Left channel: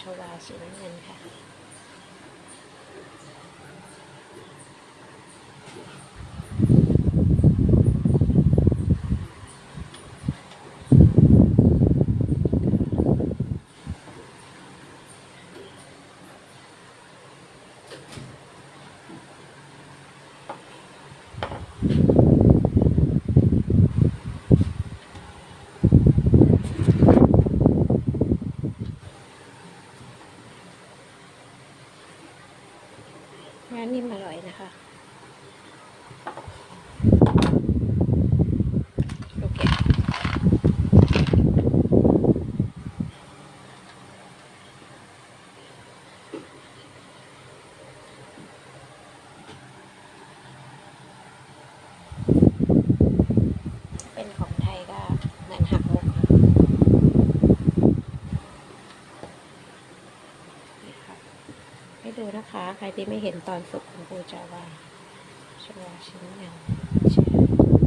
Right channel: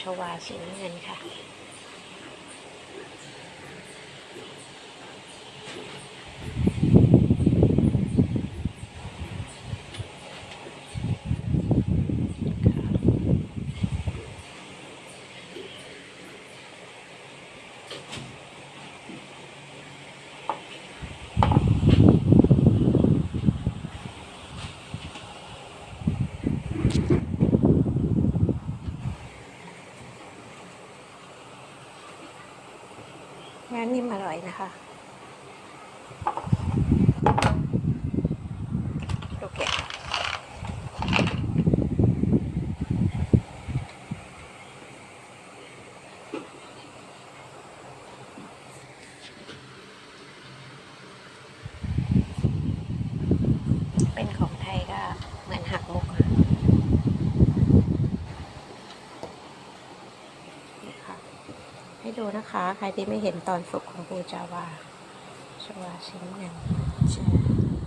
ชวาสีน้ำเงินค่ะ งานนิ่มอร่อยนะคะ โอเค เป็นของไทยก็เหมือนหักมุกค่ะนี่ค่ะ ให้ดูนะคะ ใครที่ไม่เห็นตอนสุกของปูจาวาชวาชิ้นเงินเชื่